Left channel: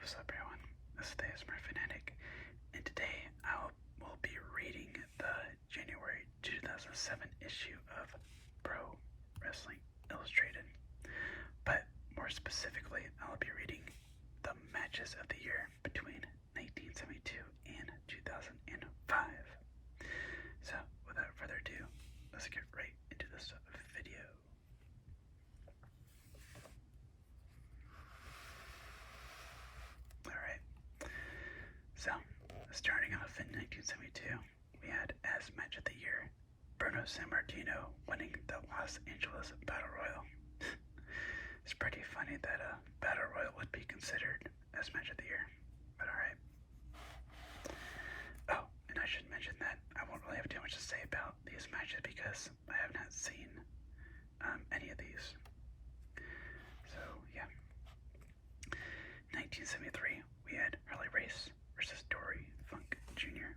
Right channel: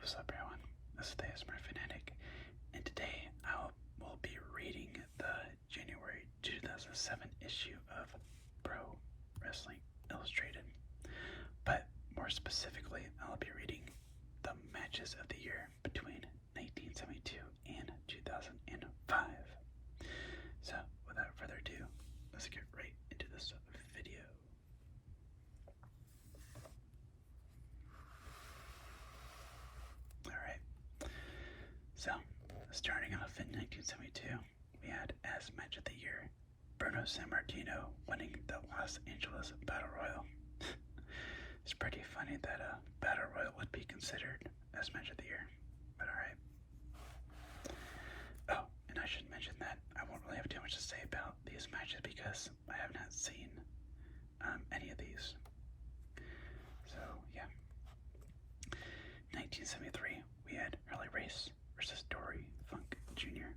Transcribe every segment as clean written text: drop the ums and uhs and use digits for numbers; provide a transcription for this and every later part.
what's up everyone? This is the ASMR Fanatic, and today I will be reading the January 2007 issue of Pro Wrestling Illustrated. But more specifically, I'll be reading the matches of the year between 1972 and 2005. So, without further ado, let's get right into this video. Alright, so starting off in 1972, we had as match of the year, Bruno Sammartino winning the Los Angeles Battle Royal. It's pretty funny that a Battle Royal would be considered as match of the year, but alright. Oh, and I should mention that I won't really have too much to say about these matches because I have not seen any of these. So, yeah. 1973, we had Harley Race versus Dory Funk Jr.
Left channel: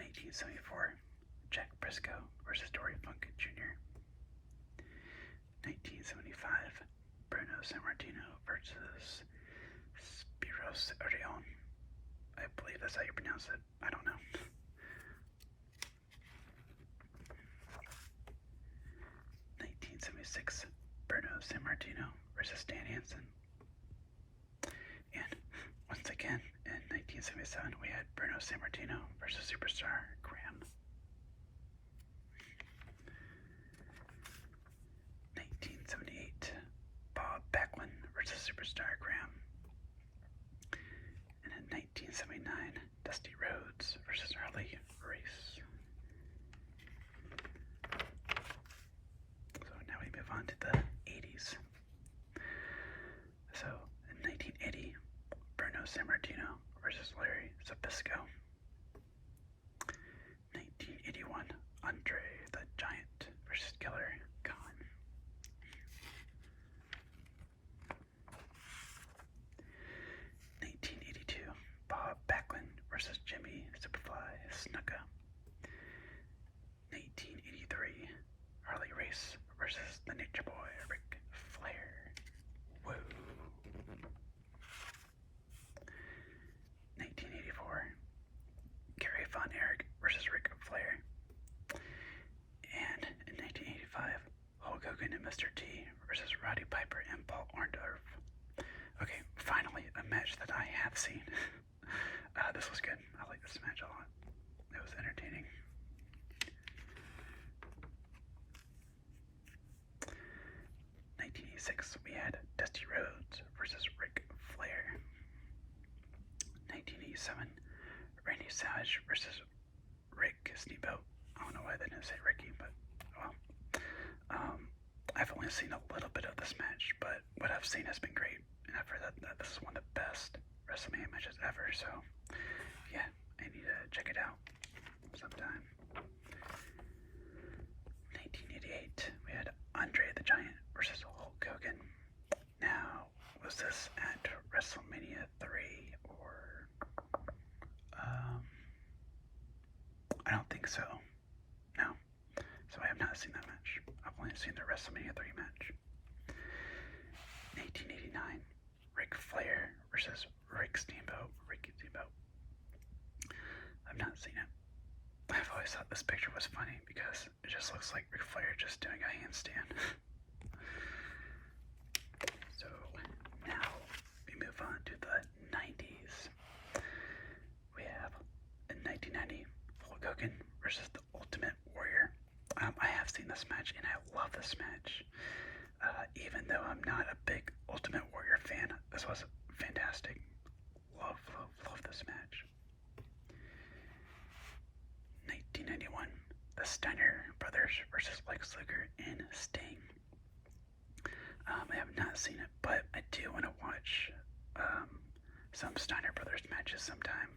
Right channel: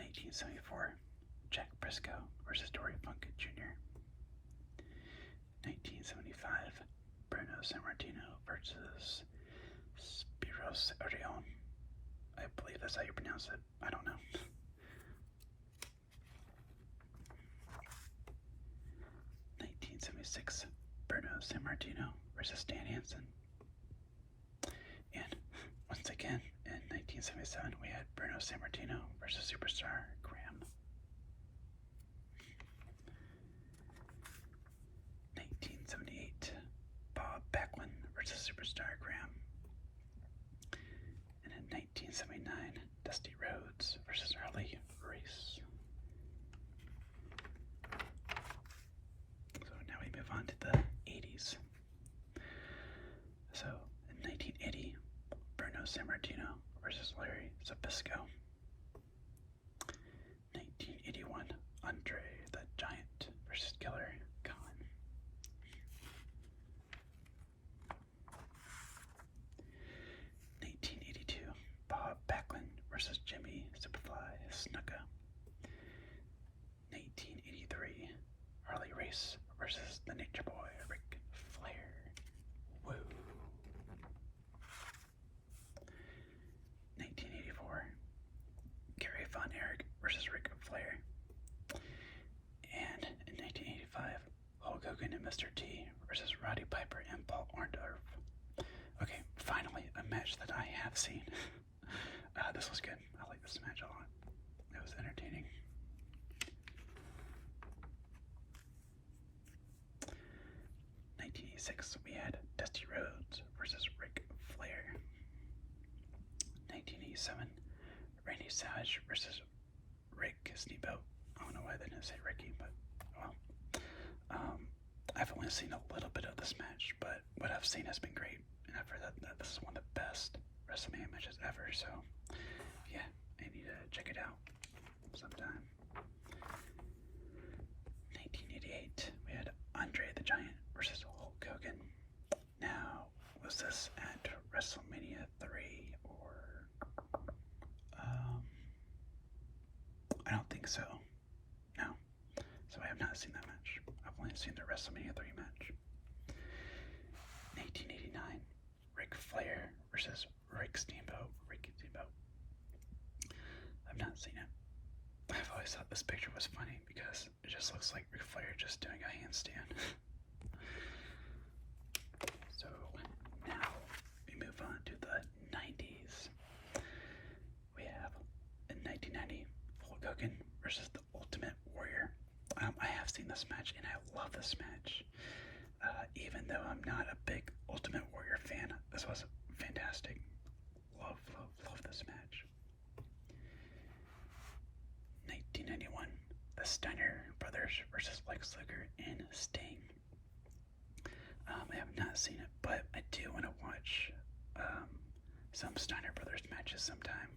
1974, Jack Briscoe versus Dory Funk Jr. 1975, Bruno Sammartino versus Spiros Arion. I believe that's how you pronounce it. I don't know. 1976, Bruno Sammartino versus Dan Hansen. And once again, in 1977, we had Bruno Sammartino versus Superstar Graham. 1978, Bob Backlund versus Superstar Graham. And in 1979, Dusty Rhodes versus Harley Race. So now we move on to the 80s. So in 1980, Bruno Sammartino versus Larry Zbyszko. 1981, Andre the Giant versus Killer Khan. 1982, Bob Backlund versus Jimmy Superfly Snuka. 1983, Harley Race versus the Nature Boy Ric Flair. Woo. 1984, Gary Von Erich versus Ric Flair. And in 1985, Hulk Hogan and Mr. T versus Roddy Piper and Paul Orndorff. Okay, finally a match that I have seen. This was good. I like this match a lot. It was entertaining. 1986, we had Dusty Rhodes versus Ric Flair. 1987, Randy Savage versus Rick Steamboat. I don't know why they didn't say Ricky, but well. I've only seen a little bit of this match, but what I've seen has been great, and I've heard that this is one of the best WrestleMania matches ever, so yeah, I need to check it out sometime. 1988, we had Andre the Giant versus Hulk Hogan. Now, was this at WrestleMania 3 or I don't think so. No. So I have not seen that match. I've only seen the WrestleMania 3 match. 1989, Ric Flair versus Rick Steamboat. I've not seen it. I've always thought this picture was funny because it just looks like Ric Flair just doing a handstand. So now we move on to the 90s. We have in 1990, Hulk Hogan versus the Ultimate Warrior. I have seen this match and I love this match. Even though I'm not a big Ultimate Warrior fan, this was fantastic. Love this match. 1991, the Steiner Brothers versus Lex Luger and Sting. I have not seen it, but I do want to watch some Steiner Brothers matches sometime.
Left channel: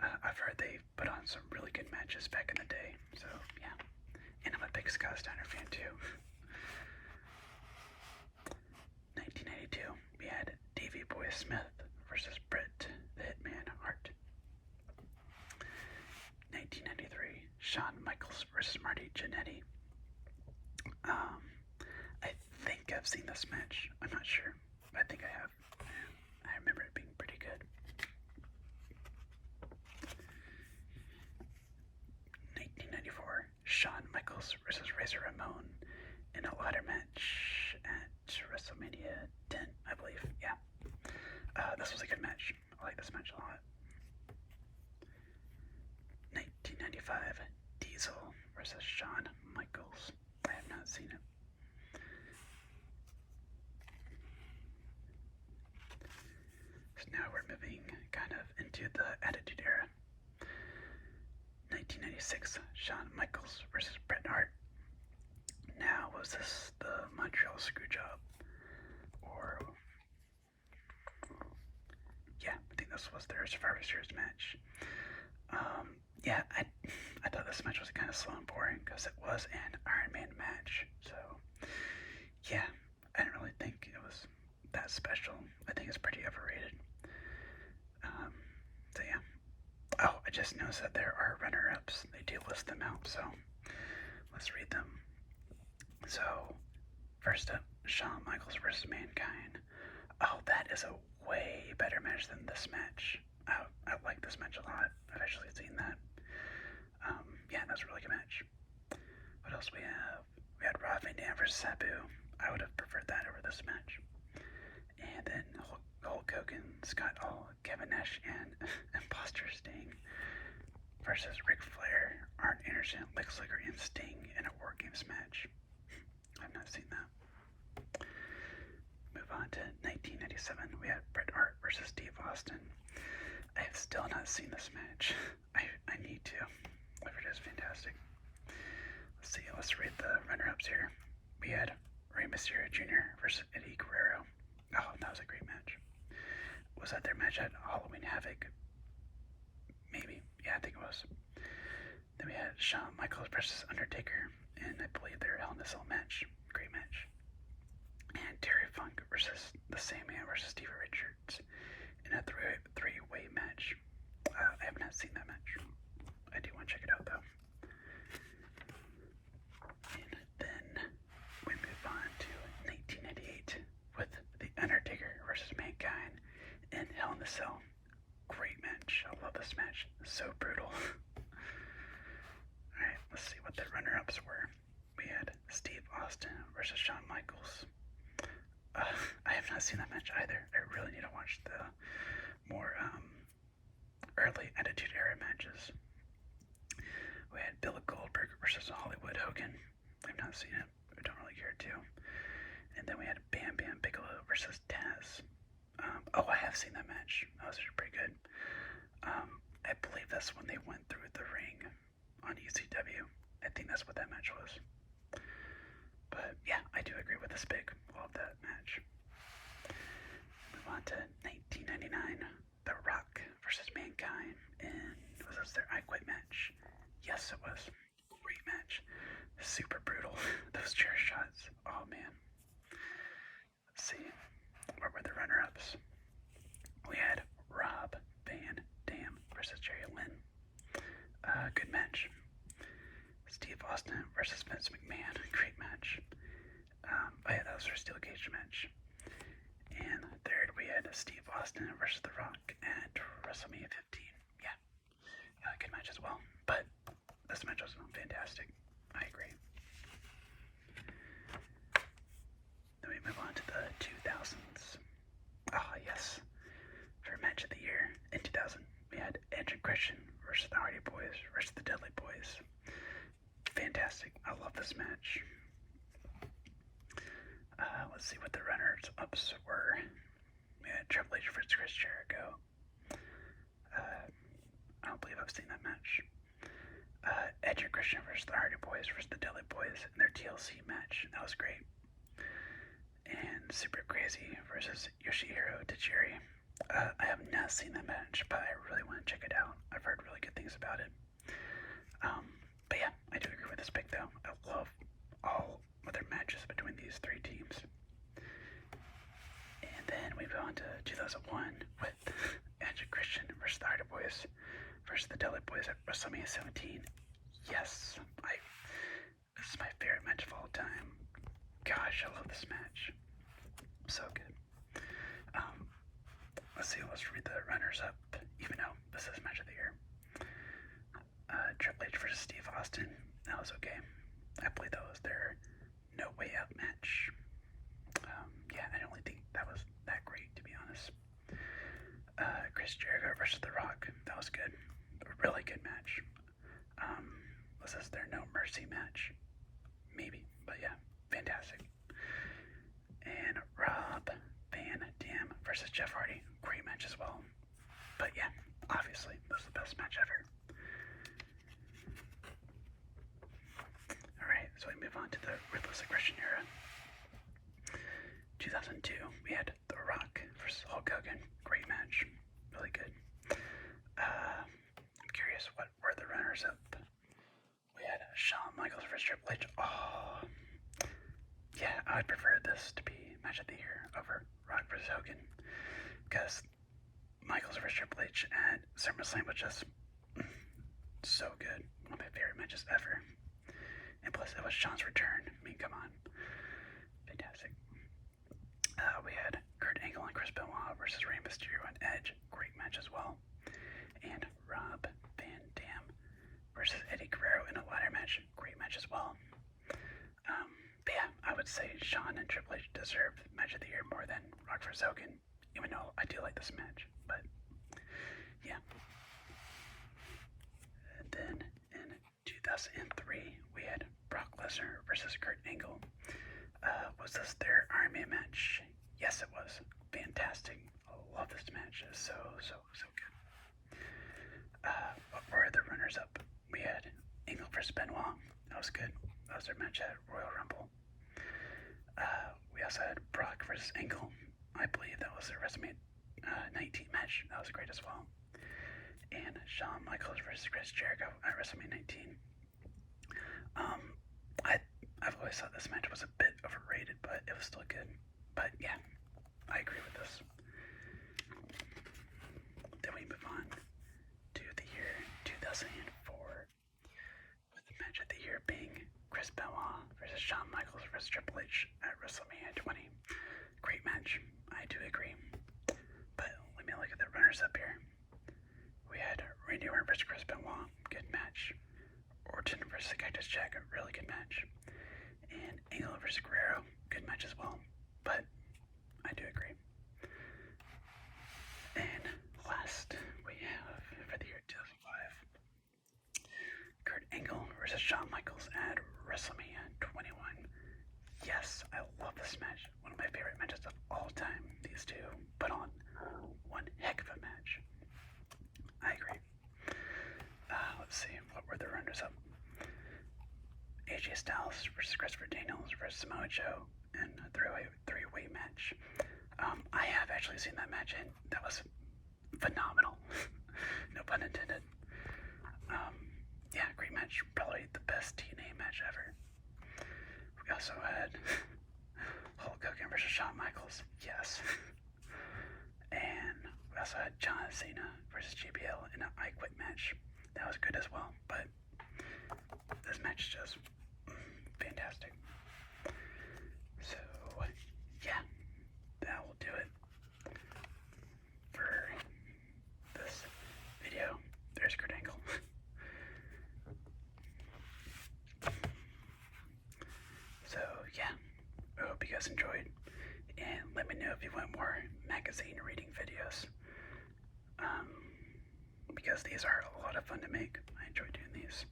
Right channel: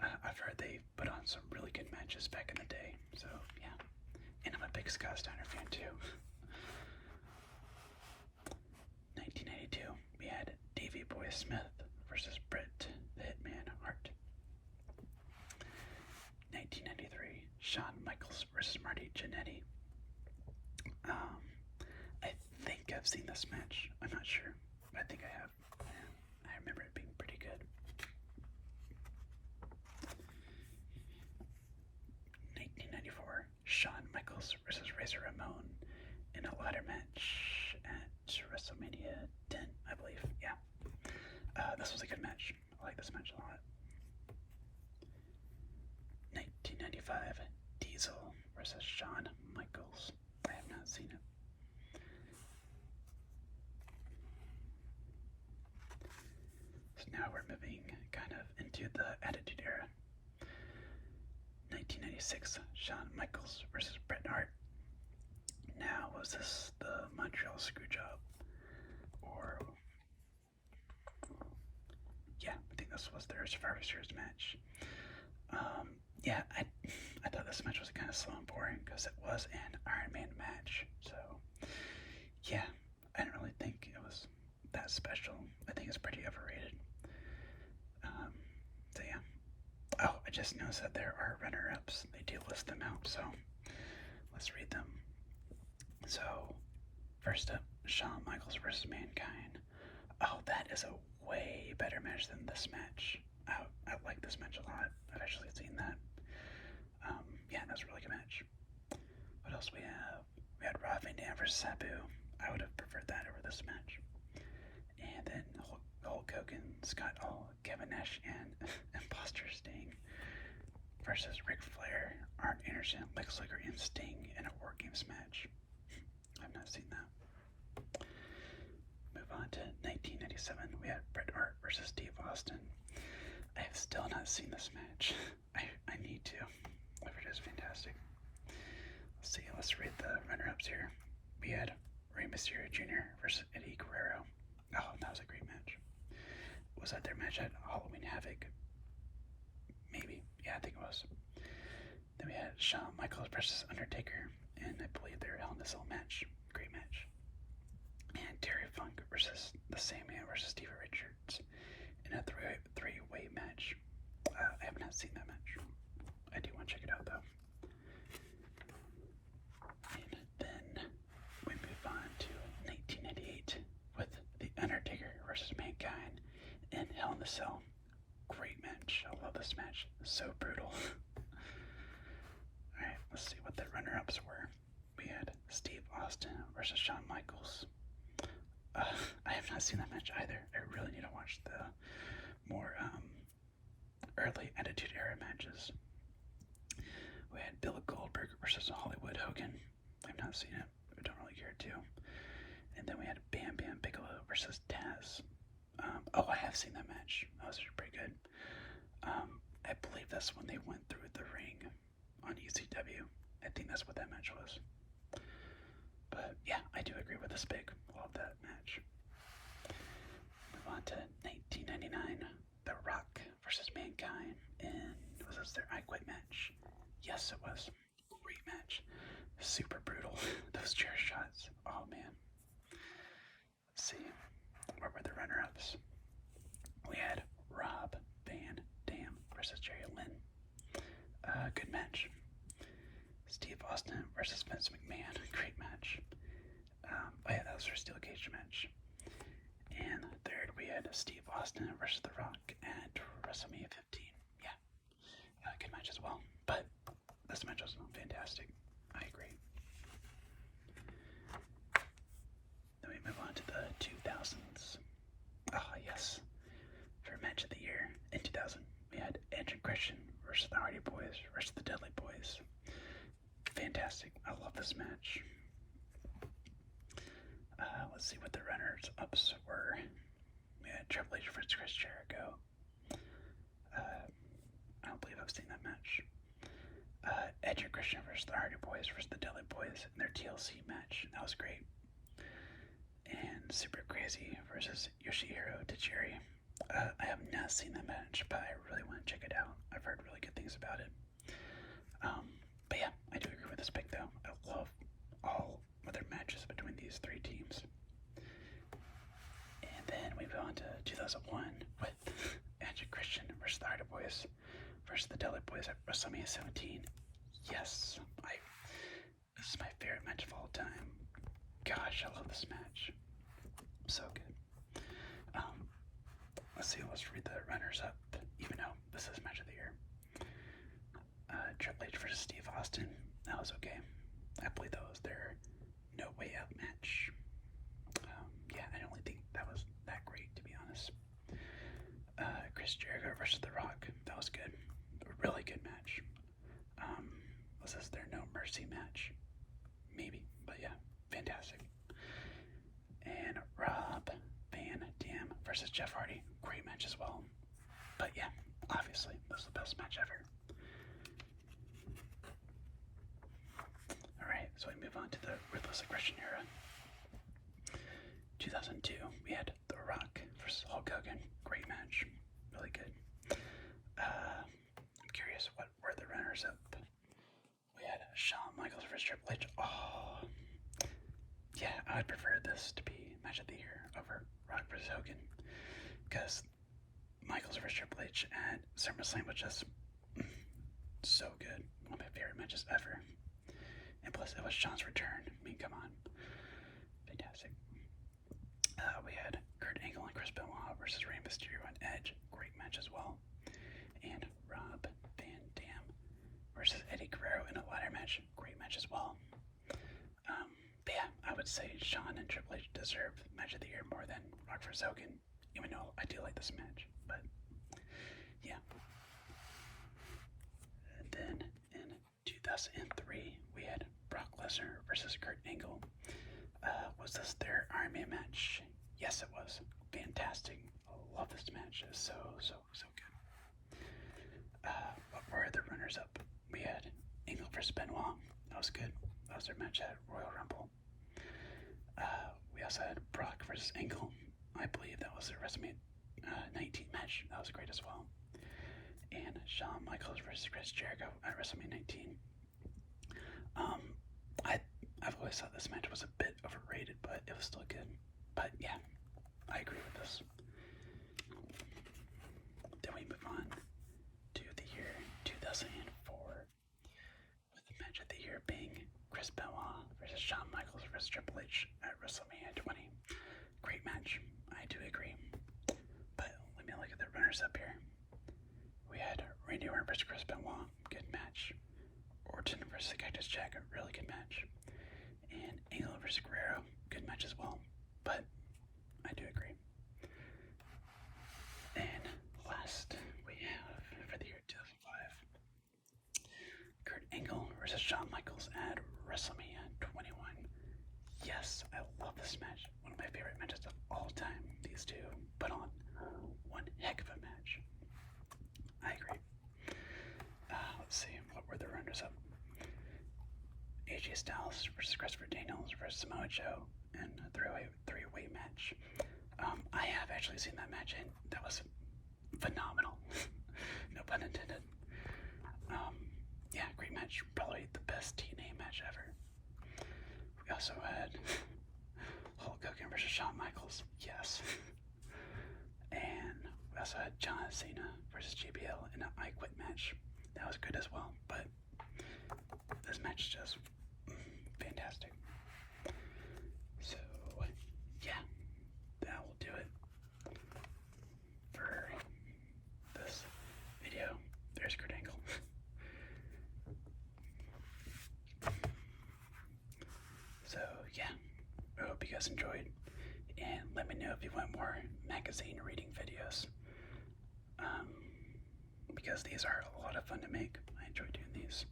I've heard they put on some really good matches back in the day, so yeah. And I'm a big Scott Steiner fan too. 1992, we had Davey Boy Smith versus Bret the Hitman Hart. 1993, Shawn Michaels versus Marty Jannetty. I have seen this match. I'm not sure. I think I have. I remember it being pretty good. 1994, Shawn Michaels versus Razor Ramon in a ladder match at WrestleMania 10, I believe. Yeah. This was a good match. I like this match a lot. 1995, Diesel versus Shawn Michaels. I have not seen it. So now we're moving kind of into the Attitude Era. 1996, Shawn Michaels versus Bret Hart. Now, was this the Montreal Screwjob? Or, yeah, I think this was their Survivor Series match. Yeah, I thought this match was kind of slow and boring because it was an Iron Man match. So, yeah, I didn't really think it was that special. I think it's pretty overrated. So, yeah. Oh, I just noticed that there are runner-ups. They do list them out, so let's read them. So, first up, Shawn Michaels versus Mankind. Oh, that is a way better match than this match. I like this match a lot. I've actually seen that. Yeah, that's a really good match. What else we have? We had Rob Van Dam versus Sabu. I would have preferred that over this match. And then Hulk Hogan, Scott Hall, Kevin Nash, and Imposter Sting versus Ric Flair, Arn Anderson, Lex Luger, and Sting in a War Games match. I've not seen that. Move on to 1997. We had Bret Hart versus Steve Austin. I have still not seen this match. I need to. I've heard it's fantastic. Let's see. Let's read the runner-ups here. We had Rey Mysterio Jr. versus Eddie Guerrero. Oh, that was a great match. Was that their match at Halloween Havoc? Maybe. Yeah, I think it was. Then we had Shawn Michaels versus Undertaker, and I believe their Hell in a Cell match. Great match. And Terry Funk versus the Sandman versus Stevie Richards in a three-way match. I have not seen that match. I do want to check it out though. And then we move on to 1998 with The Undertaker versus Mankind in Hell in a Cell. Great match. I love this match. So brutal. Alright, let's see what the runner-ups were. We had Steve Austin versus Shawn Michaels. I have not seen that match either. I really need to watch the more early Attitude Era matches. We had Bill Goldberg versus Hollywood Hogan. I've not seen it. I don't really care to. And then we had Bam Bam Bigelow versus Taz. Oh, I have seen that match. That was pretty good. I believe that's when they went through the ring on ECW. I think that's what that match was. But yeah, I do agree with this pick. Love that match. Move on to 1999. The Rock versus Mankind. And was this their I Quit match? Yes, it was. Great match. Super brutal. Those chair shots. Oh, man. Let's see. What were the runner-ups? We had Rob Van Dam versus Jerry Lynn. Good match. Steve Austin versus Vince McMahon. Great match. Oh yeah, that was our Steel Cage match. And third, we had Steve Austin versus The Rock at WrestleMania 15. Yeah, good match as well. But this match was fantastic. I agree. Then we move on to the 2000s. Ah, yes. For match of the year in 2000, we had Edge and Christian versus the Hardy Boys versus the Dudley Boys. Fantastic. I love this match. Let's see what the runners-ups were. We had Triple H versus Chris Jericho. I don't believe I've seen that match. Edge and Christian versus the Hardy Boys versus the Dudley Boys in their TLC match. That was great. And Super Crazy versus Yoshihiro Tajiri. I have not seen that match, but I really want to check it out. I've heard really good things about it. But yeah, I do agree with this pick though. I love all other matches between these three teams. And then we go on to 2001 with Edge and Christian versus the Hardy Boys versus the Dudley Boys at WrestleMania 17. Yes, this is my favorite match of all time. Gosh, I love this match. So good. Let's see, let's read the runners up, even though this is match of the year. Triple H versus Steve Austin. That was okay. I believe that was their No Way Out match. Yeah, I don't really think that was that great, to be honest. Chris Jericho versus The Rock. That was good. A really good match. Was this their No Mercy match? Maybe, but yeah, fantastic. And Rob Van Dam versus Jeff Hardy. Great match as well. But yeah, obviously, this is the best match ever. Alright, so we move on to the Ruthless Aggression era. 2002, we had The Rock versus Hulk Hogan. Great match. Really good. I'm curious, what were the runners up? We had Shawn Michaels versus Triple H. Oh, yeah, I would prefer this to be match of the year over Rock versus Hogan, because Michaels versus Triple H at SummerSlam was just so good. One of my favorite matches ever. And plus, it was Shawn's return. I mean, come on. Fantastic. We had Kurt Angle and Chris Benoit versus Rey Mysterio and Edge. Great match as well. And Rob Van Dam versus Eddie Guerrero in a ladder match. Great match as well. But yeah, I would say Shawn and Triple H deserve match of the year more than Rock vs. Hogan, even though I do like this match. But yeah. And then in 2003, we had Brock Lesnar versus Kurt Angle. Was this their Iron Man match? Yes, it was. Fantastic. I love this match. It's so good. What were the runners up? We had Angle versus Benoit. That was good. That was their match at Royal Rumble. We also had Brock versus Angle. I believe that was their WrestleMania 19 match. That was great as well. And Shawn Michaels versus Chris Jericho at WrestleMania 19. I've always thought this match was a bit overrated, but it was still good. But yeah, I agree with this. Then we move on to the year 2004, with the match of the year being Chris Benoit versus Shawn Michaels versus Triple H at WrestleMania 20. Great match, I do agree. But let me look at the runners up here. We had Randy Orton versus Chris Benoit, good match. Orton versus Cactus Jack, a really good match. And Angle versus Guerrero, good match as well. But I do agree. And last we have for the year 2005, Kurt Angle versus Shawn Michaels at WrestleMania 21. Yes, I love this match. One of my favorite matches of all time. These two put on one heck of a match. I agree. Let's see, what were the runners up? AJ Styles versus Christopher Daniels versus Samoa Joe in a three-way match. I have actually seen that match, and that was phenomenal. No pun intended. Yeah, great match. Probably the best TNA match ever. We also had Hulk Hogan versus Shawn Michaels. Yes. And we also had John Cena versus JBL in an I Quit match. That was good as well, but this match is just fantastic. So, yeah, that will do it for this video. There's Kurt Angle. So, yeah, I hope you guys enjoyed, and let me know if you want more magazine reading videos, because these are a lot of fun to make. I enjoy doing these.